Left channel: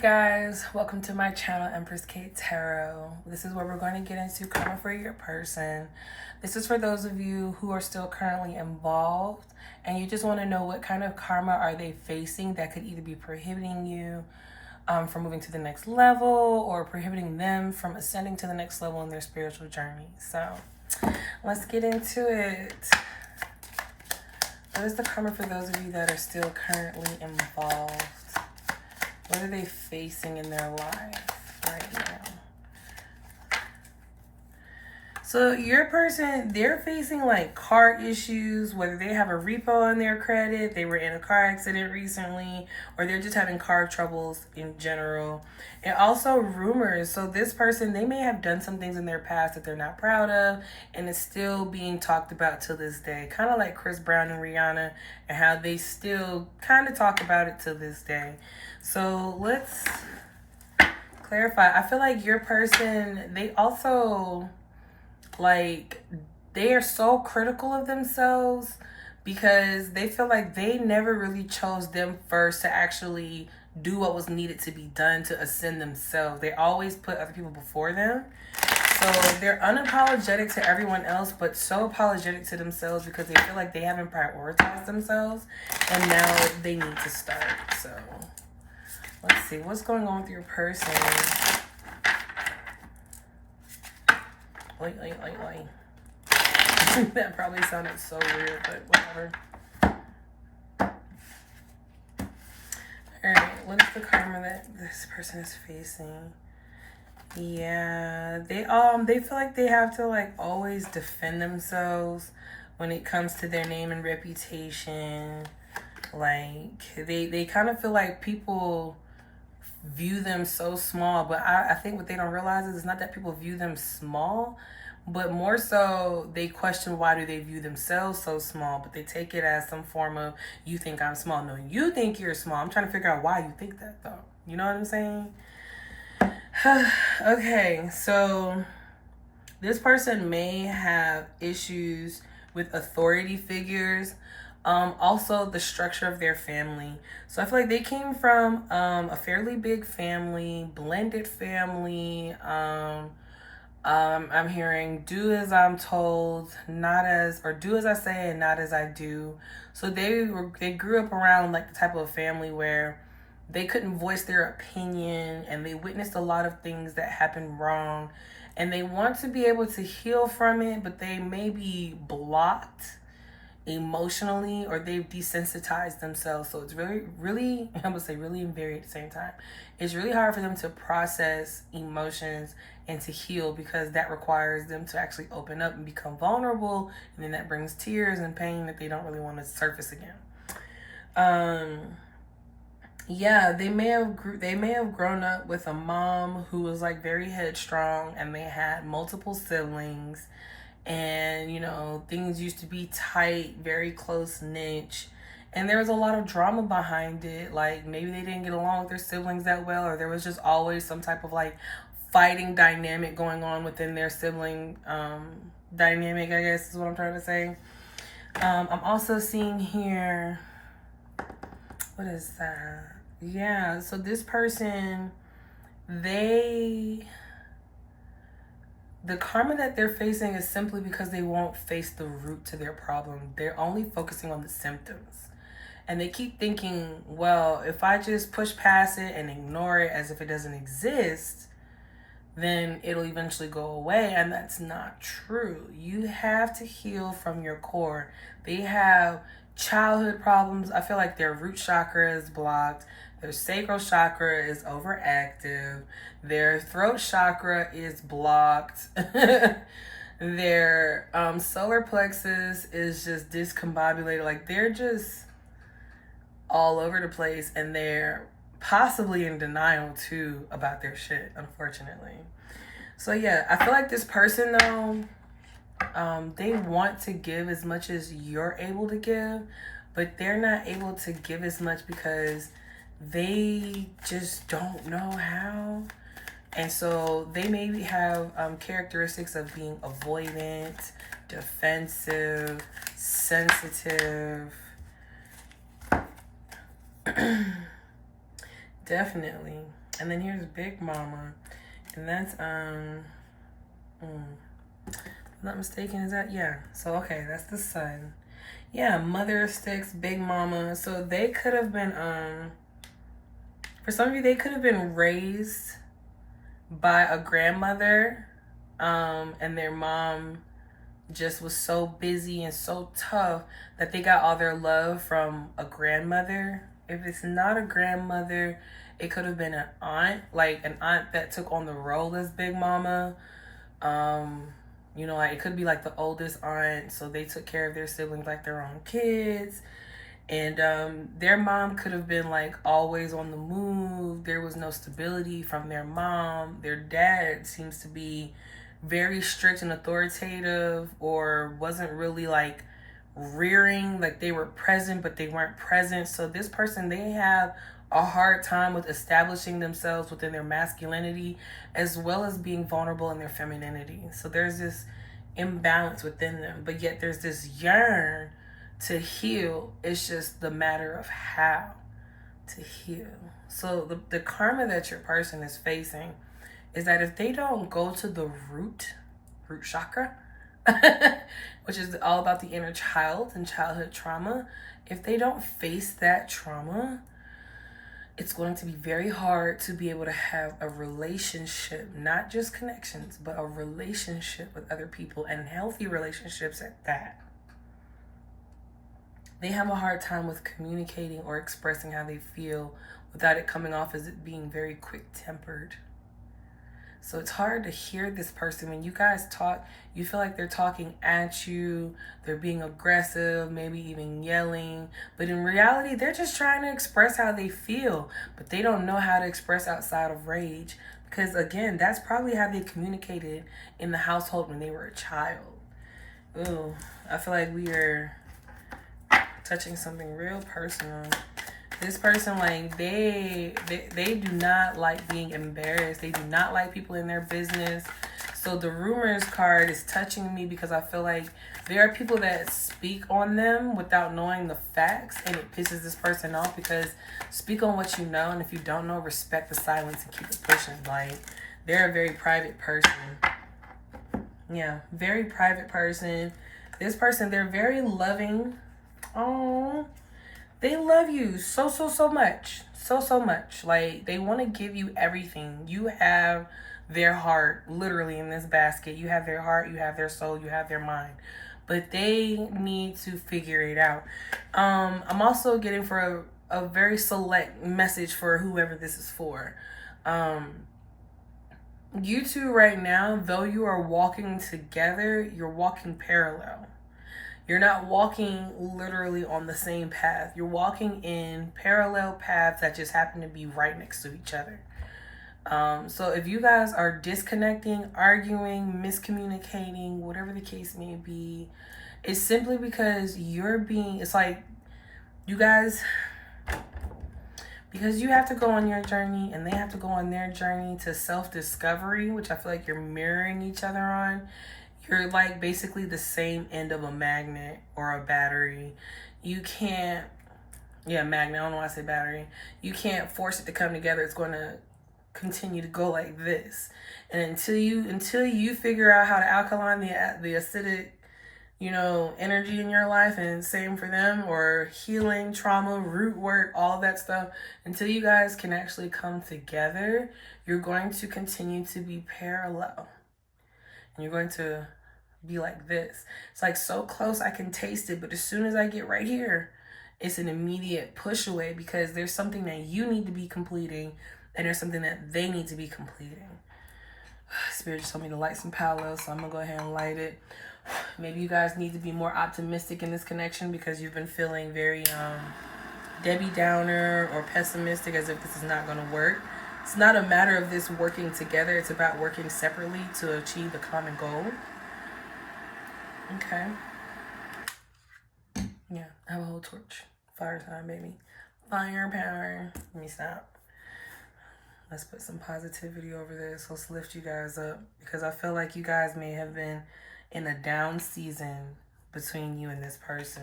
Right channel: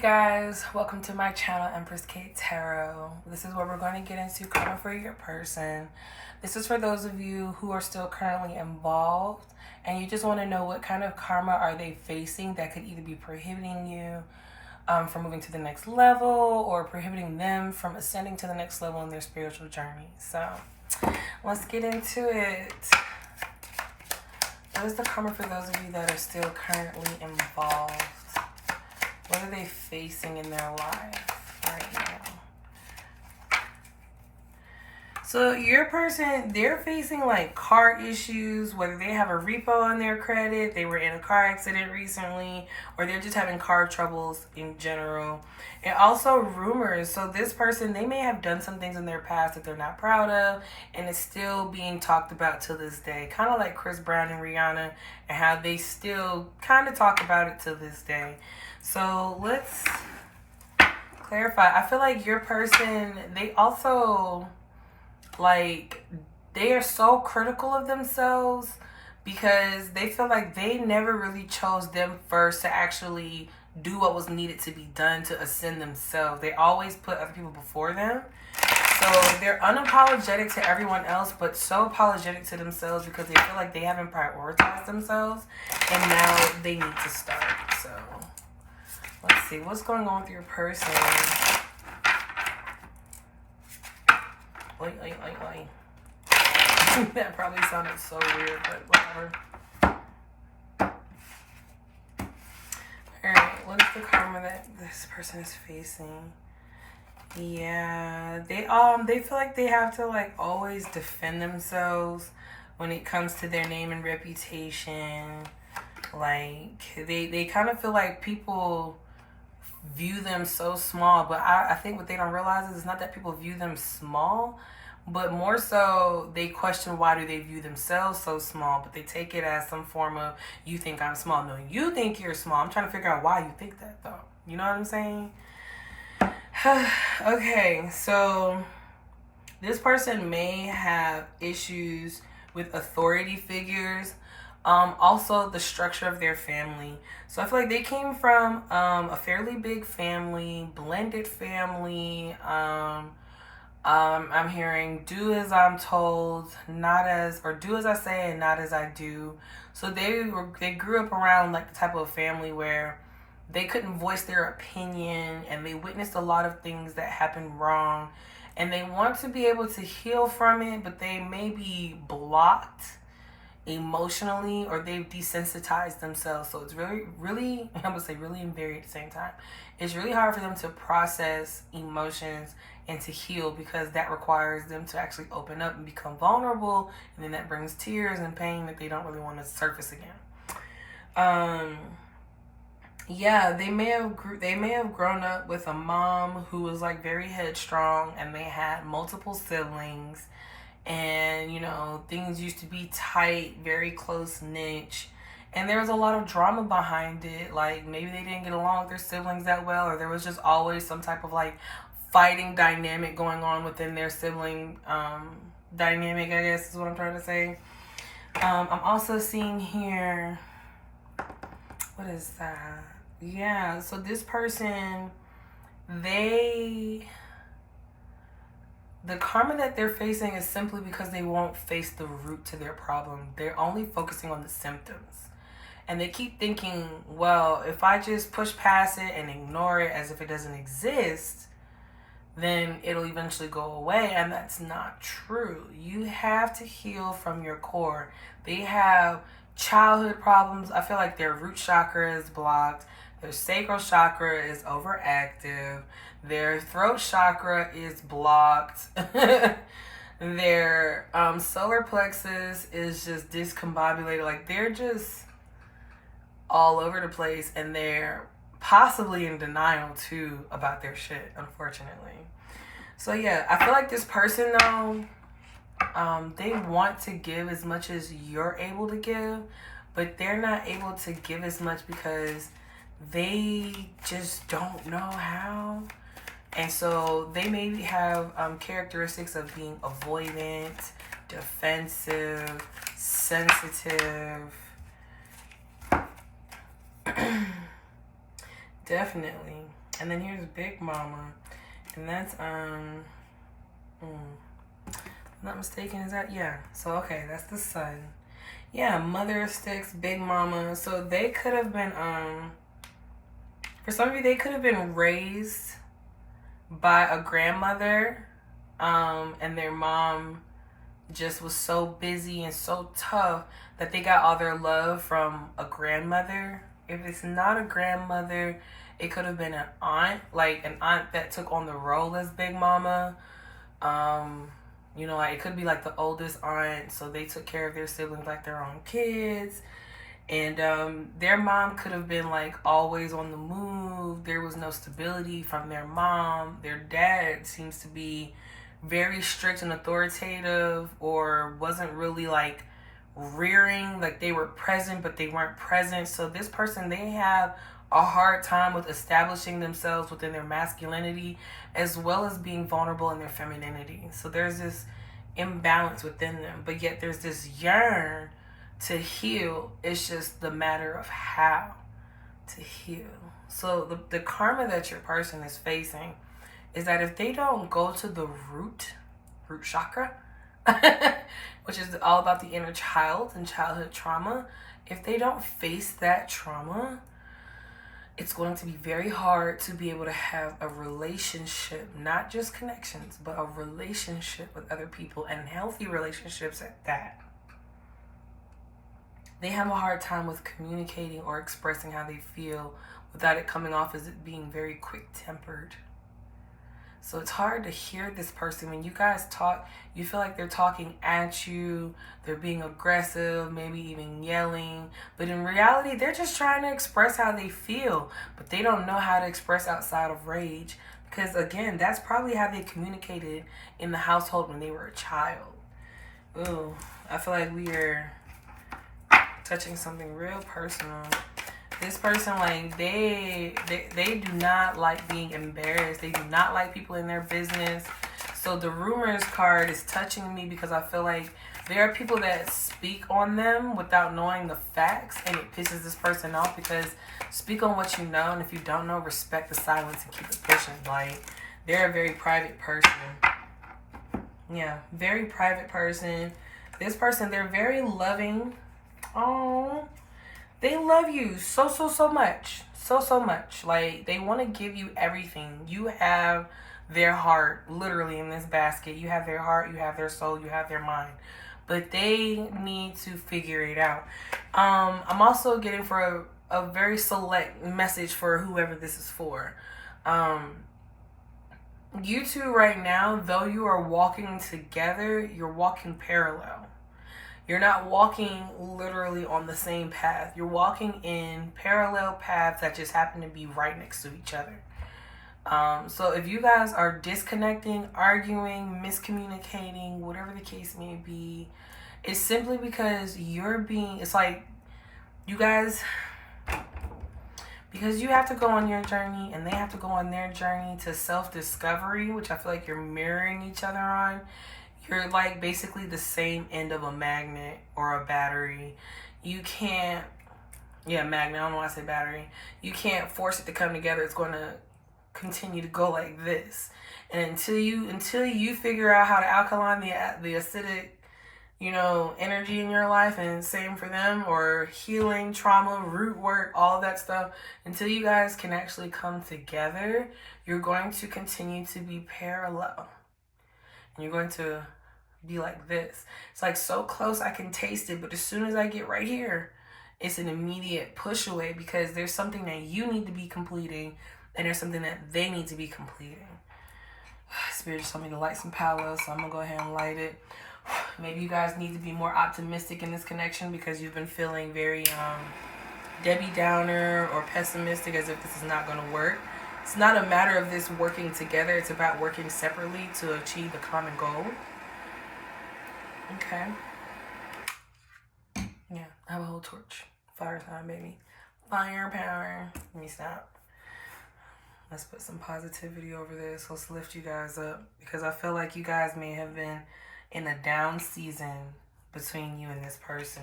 Guys, welcome to my channel, EmpressKate Tarot. This is where we're going to get into karma for your person. This is for those of you who are still currently involved and you just want to know what kind of karma are they facing that could either be prohibiting you from moving to the next level or prohibiting them from ascending to the next level in their spiritual journey. So let's get into it. What is the karma for those of you that are still currently involved? What are they facing in their life right now? So your person, they're facing like car issues, whether they have a repo on their credit, they were in a car accident recently, or they're just having car troubles in general. And also rumors. So this person, they may have done some things in their past that they're not proud of, and it's still being talked about to this day. Kind of like Chris Brown and Rihanna, and how they still kind of talk about it to this day. So let's clarify. I feel like your person, they also, like, they are so critical of themselves because they feel like they never really chose them first to actually do what was needed to be done to ascend themselves. They always put other people before them. So they're unapologetic to everyone else, but so apologetic to themselves because they feel like they haven't prioritized themselves, and now they need to start. So let's see, what's going on with your person? Oi. That probably sounded so weird, but whatever. Alright, what is the karma that this person is facing? Yeah, they feel like they have to like always defend themselves when it comes to their name and reputation. Like they kind of feel like people view them so small, but I think what they don't realize is it's not that people view them small, but more so they question why do they view themselves so small, but they take it as some form of, you think I'm small. No, you think you're small. I'm trying to figure out why you think that though. You know what I'm saying? Okay, so this person may have issues with authority figures. Also the structure of their family. So I feel like they came from a fairly big family, blended family. I'm hearing do as I'm told, do as I say and not as I do. So they grew up around like the type of family where they couldn't voice their opinion and they witnessed a lot of things that happened wrong, and they want to be able to heal from it, but they may be blocked emotionally or they've desensitized themselves. So it's really I'm gonna say really and very at the same time, it's really hard for them to process emotions and to heal, because that requires them to actually open up and become vulnerable, and then that brings tears and pain that they don't really want to surface again. Yeah, they may have grown up with a mom who was like very headstrong, and they had multiple siblings, and you know, things used to be tight, very close knit, and there was a lot of drama behind it. Like maybe they didn't get along with their siblings that well, or there was just always some type of like fighting dynamic going on within their sibling dynamic, I guess is what I'm trying to say. I'm also seeing here, what is that? Yeah, so this person, they the karma that they're facing is simply because they won't face the root to their problem. They're only focusing on the symptoms. And they keep thinking, well, if I just push past it and ignore it as if it doesn't exist, then it'll eventually go away. And that's not true. You have to heal from your core. They have childhood problems. I feel like their root chakra is blocked. Their sacral chakra is overactive. Their throat chakra is blocked. Their solar plexus is just discombobulated. Like, they're just all over the place, and they're possibly in denial too about their shit, unfortunately. So yeah, I feel like this person though, they want to give as much as you're able to give, but they're not able to give as much because they just don't know how. And so they maybe have characteristics of being avoidant, defensive, sensitive. Definitely. And then here's Big Mama. And that's, not mistaken, is that? Yeah. So, okay, that's the son. Yeah, Mother of Sticks, Big Mama. So they could have been, for some of you, they could have been raised by a grandmother, and their mom just was so busy and so tough that they got all their love from a grandmother. If it's not a grandmother, it could have been an aunt, like an aunt that took on the role as Big Mama. You know, like it could be like the oldest aunt, so they took care of their siblings like their own kids. And their mom could have been like always on the move. There was no stability from their mom. Their dad seems to be very strict and authoritative, or wasn't really like rearing, like they were present but they weren't present. So this person, they have a hard time with establishing themselves within their masculinity as well as being vulnerable in their femininity. So there's this imbalance within them, but yet there's this yearn to heal. It's just the matter of how to heal. So the karma that your person is facing is that if they don't go to the root chakra, which is all about the inner child and childhood trauma, if they don't face that trauma, it's going to be very hard to be able to have a relationship, not just connections, but a relationship with other people, and healthy relationships at that. They have a hard time with communicating or expressing how they feel without it coming off as it being very quick-tempered. So it's hard to hear this person. When you guys talk, you feel like they're talking at you, they're being aggressive, maybe even yelling. But in reality, they're just trying to express how they feel, but they don't know how to express outside of rage. Because again, that's probably how they communicated in the household when they were a child. Ooh, I feel like we are touching something real personal. This person, like, they do not like being embarrassed. They do not like people in their business. So the rumors card is touching me because I feel like there are people that speak on them without knowing the facts, and it pisses this person off because speak on what you know, and if you don't know, respect the silence and keep it pushing. Like, they're a very private person. Yeah, very private person. This person, they're very loving. Oh, they love you so much. So much. Like, they want to give you everything. You have their heart literally in this basket. You have their heart, you have their soul, you have their mind. But they need to figure it out. I'm also getting for a very select message for whoever this is for. You two right now, though you are walking together, you're walking parallel. You're not walking literally on the same path. You're walking in parallel paths that just happen to be right next to each other. So if you guys are disconnecting, arguing, miscommunicating, whatever the case may be, it's simply because it's like you guys, because you have to go on your journey and they have to go on their journey to self-discovery, which I feel like you're mirroring each other on. You're like basically the same end of a magnet or a battery. You can't, magnet, I don't know why I say battery. You can't force it to come together. It's going to continue to go like this. And until you figure out how to alkaline the acidic, energy in your life, and same for them, or healing, trauma, root work, all that stuff, until you guys can actually come together, you're going to continue to be parallel. And you're going to be like this. It's like so close I can taste it, but as soon as I get right here, it's an immediate push away, because there's something that you need to be completing and there's something that they need to be completing. Spirit just told me to light some Palo, so I'm gonna go ahead and light it. Maybe you guys need to be more optimistic in this connection, because you've been feeling very Debbie Downer or pessimistic, as if this is not gonna work. It's not a matter of this working together, it's about working separately to achieve a common goal. Okay. Yeah, I have a whole torch. Fire sign, baby. Fire power. Let me stop. Let's put some positivity over this. Let's lift you guys up, because I feel like you guys may have been in a down season between you and this person.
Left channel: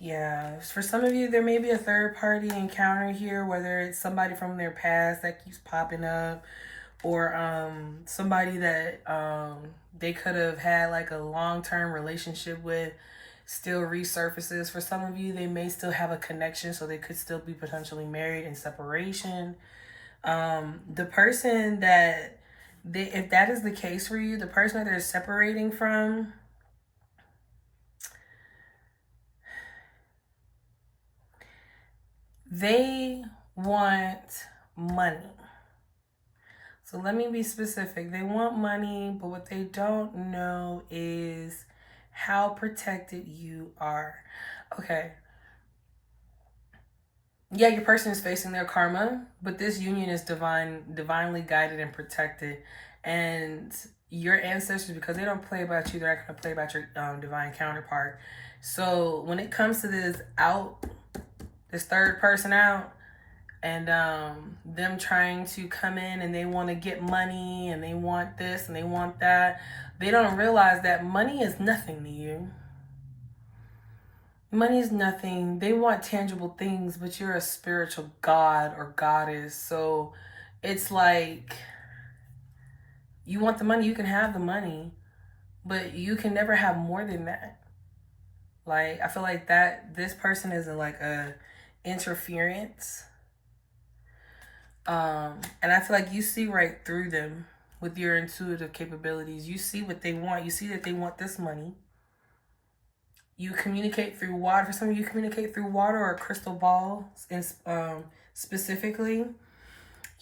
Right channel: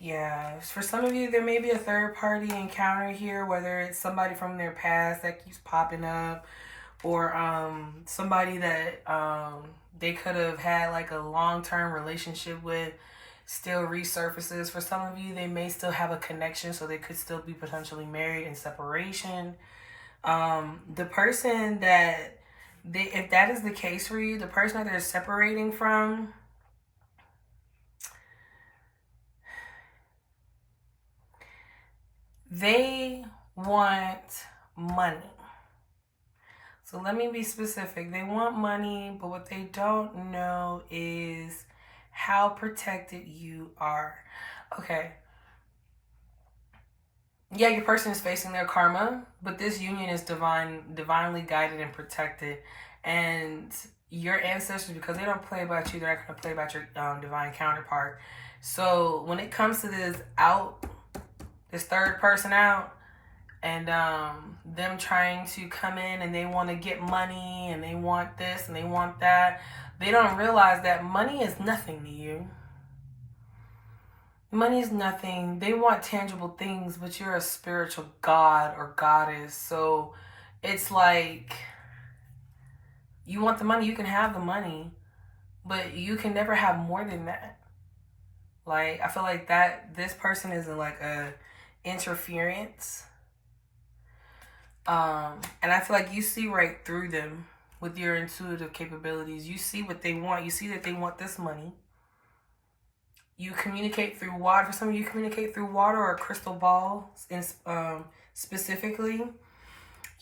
Yeah, for some of you, there may be a third party encounter here, whether it's somebody from their past that keeps popping up, or somebody that they could have had like a long-term relationship with still resurfaces. For some of you, they may still have a connection, so they could still be potentially married in separation. The person that if that is the case for you, the person that they're separating from, they want money. So let me be specific. They want money, but what they don't know is how protected you are. Okay. Yeah, your person is facing their karma, but this union is divinely guided and protected. And your ancestors, because they don't play about you, they're not going to play about your divine counterpart. So when it comes to this third person out, and them trying to come in and they want to get money and they want this and they want that, they don't realize that money is nothing to you. Money is nothing. They want tangible things, but you're a spiritual god or goddess. So it's like, you want the money, you can have the money, but you can never have more than that. Like, I feel like that this person is like a interference. And I feel like you see right through them with your intuitive capabilities. You see what they want. You see that they want this money. You communicate through water. For some of you, communicate through water or a crystal ball, specifically.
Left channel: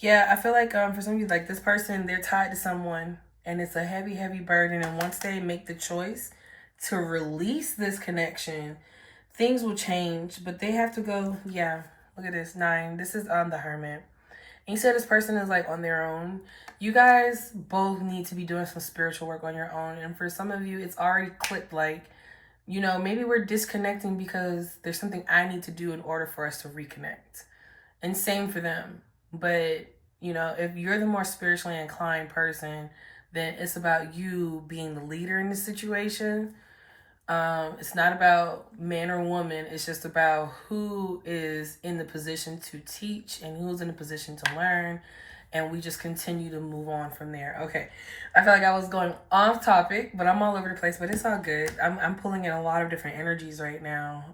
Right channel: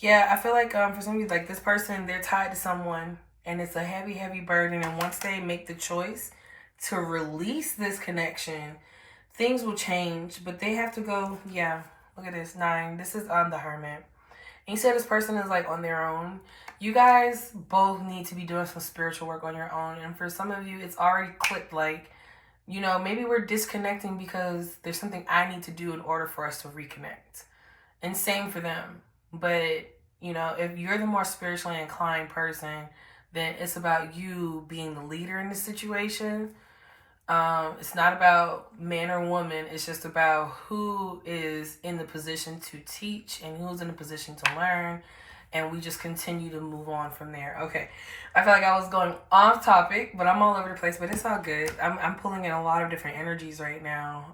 Yeah, I feel like for some of you, like this person, they're tied to someone, and it's a heavy, heavy burden. And once they make the choice to release this connection, things will change. But they have to go. Yeah, look at this 9. This is the Hermit. And you said this person is like on their own. You guys both need to be doing some spiritual work on your own. And for some of you, it's already clicked. Like, maybe we're disconnecting because there's something I need to do in order for us to reconnect. And same for them. But, if you're the more spiritually inclined person, then it's about you being the leader in the situation. It's not about man or woman. It's just about who is in the position to teach and who's in the position to learn. And we just continue to move on from there. Okay. I feel like I was going off topic, but I'm all over the place, but it's all good. I'm pulling in a lot of different energies right now.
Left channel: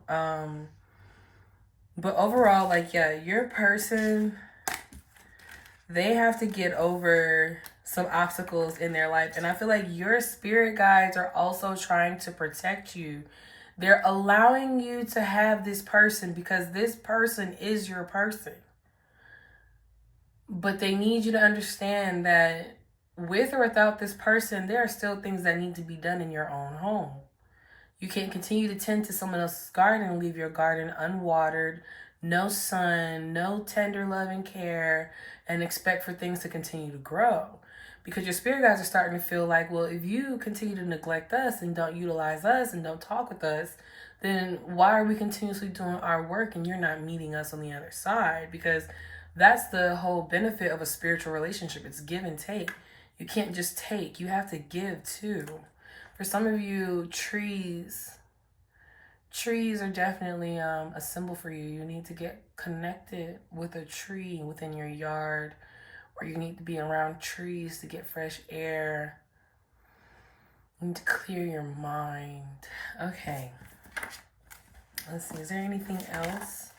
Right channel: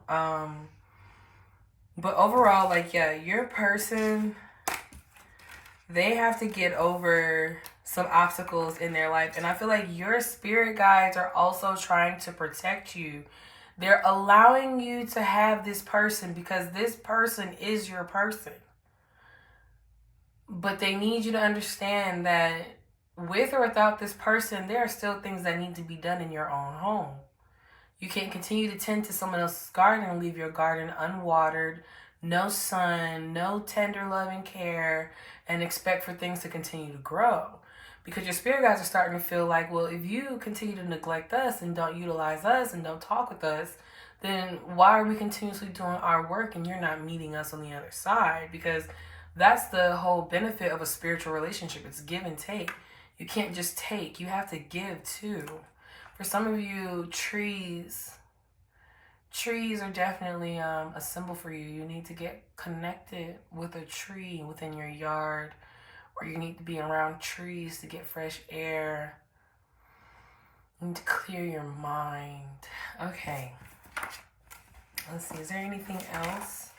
But overall, your person, they have to get over some obstacles in their life. And I feel like your spirit guides are also trying to protect you. They're allowing you to have this person because this person is your person. But they need you to understand that with or without this person, there are still things that need to be done in your own home. You can't continue to tend to someone else's garden and leave your garden unwatered, no sun, no tender love and care, and expect for things to continue to grow. Because your spirit guides are starting to feel like, well, if you continue to neglect us and don't utilize us and don't talk with us, then why are we continuously doing our work and you're not meeting us on the other side? Because that's the whole benefit of a spiritual relationship. It's give and take. You can't just take. You have to give too. For some of you, trees are definitely a symbol for you. You need to get connected with a tree within your yard or you need to be around trees to get fresh air. You need to clear your mind. Okay. Let's see. Is there anything else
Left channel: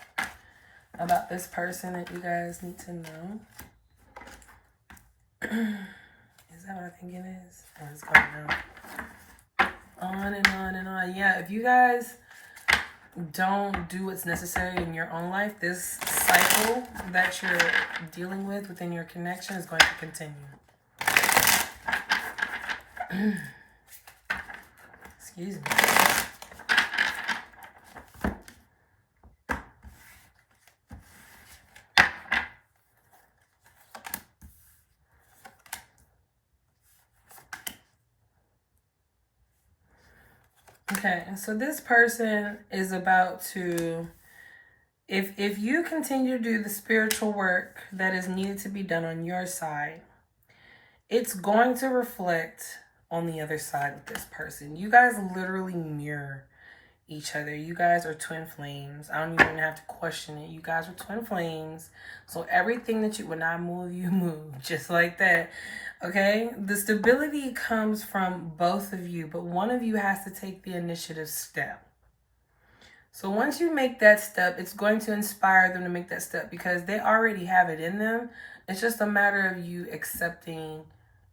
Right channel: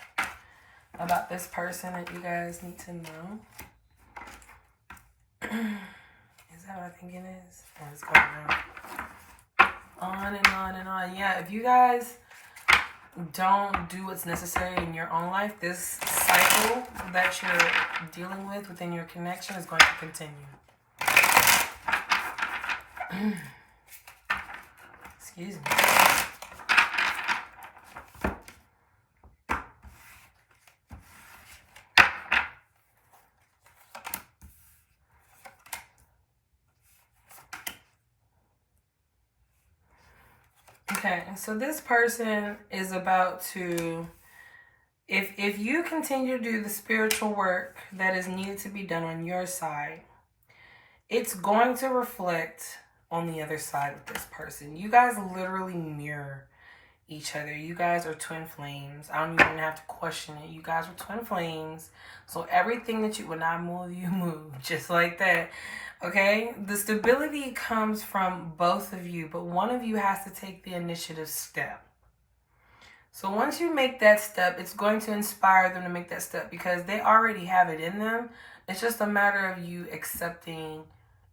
about this person that you guys need to know? Is that what I think it is? Oh, it's going on and on and on. Yeah, if you guys don't do what's necessary in your own life, this cycle that you're dealing with within your connection is going to continue. Excuse me. Okay, so this person is about to, if you continue to do the spiritual work that is needed to be done on your side, it's going to reflect on the other side with this person. You guys literally mirror each other. You guys are twin flames. I don't even have to question it. You guys are twin flames. So everything that you would not move, you move. Just like that. Okay? The stability comes from both of you, but one of you has to take the initiative step. So once you make that step, it's going to inspire them to make that step because they already have it in them. It's just a matter of you accepting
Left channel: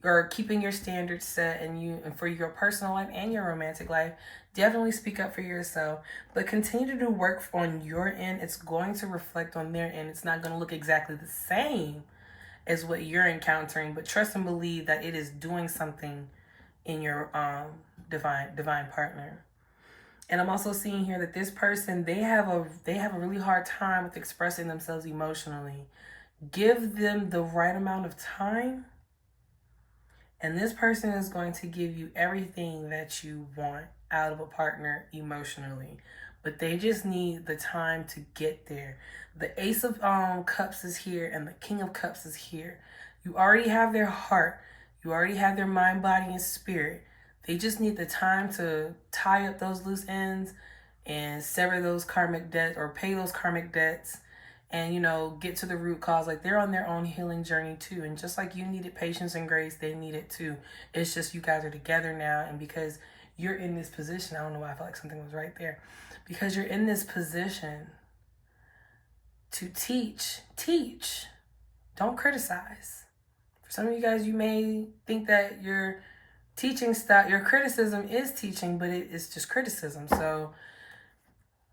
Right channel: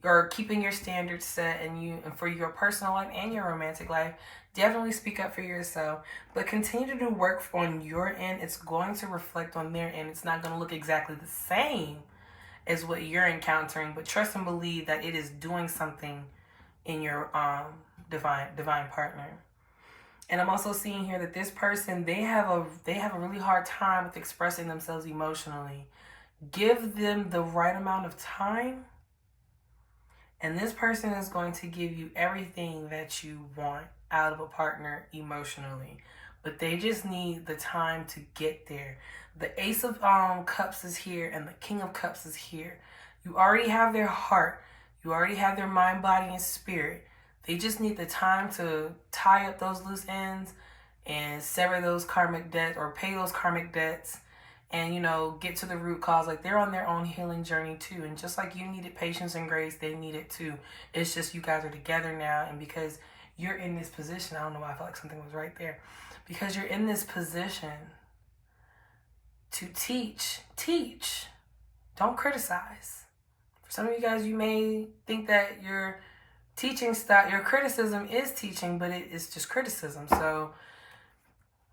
or keeping your standards set, and for your personal life and your romantic life, definitely speak up for yourself, but continue to do work on your end. It's going to reflect on their end. It's not going to look exactly the same as what you're encountering, but trust and believe that it is doing something in your divine partner. And I'm also seeing here that this person, they have a really hard time with expressing themselves emotionally. Give them the right amount of time, and this person is going to give you everything that you want out of a partner emotionally. But they just need the time to get there. The Ace of Cups is here and the King of Cups is here. You already have their heart. You already have their mind, body, and spirit. They just need the time to tie up those loose ends and sever those karmic debts or pay those karmic debts and, get to the root cause. Like, they're on their own healing journey too. And just like you needed patience and grace, they need it too. It's just you guys are together now. And because you're in this position, I don't know why I felt like something was right there. Because you're in this position to teach. Don't criticize. For some of you guys, you may think that your teaching style, your criticism is teaching, but it's just criticism. So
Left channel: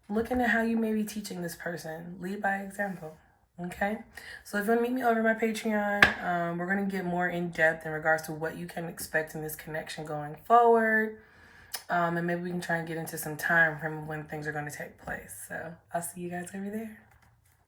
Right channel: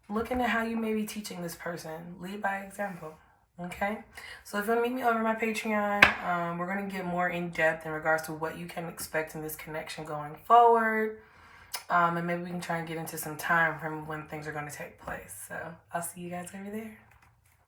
looking at how you may be teaching this person, lead by example. Okay? So if you want to meet me over my Patreon, we're going to get more in depth in regards to what you can expect in this connection going forward. And maybe we can try and get into some time from when things are going to take place. So I'll see you guys over there.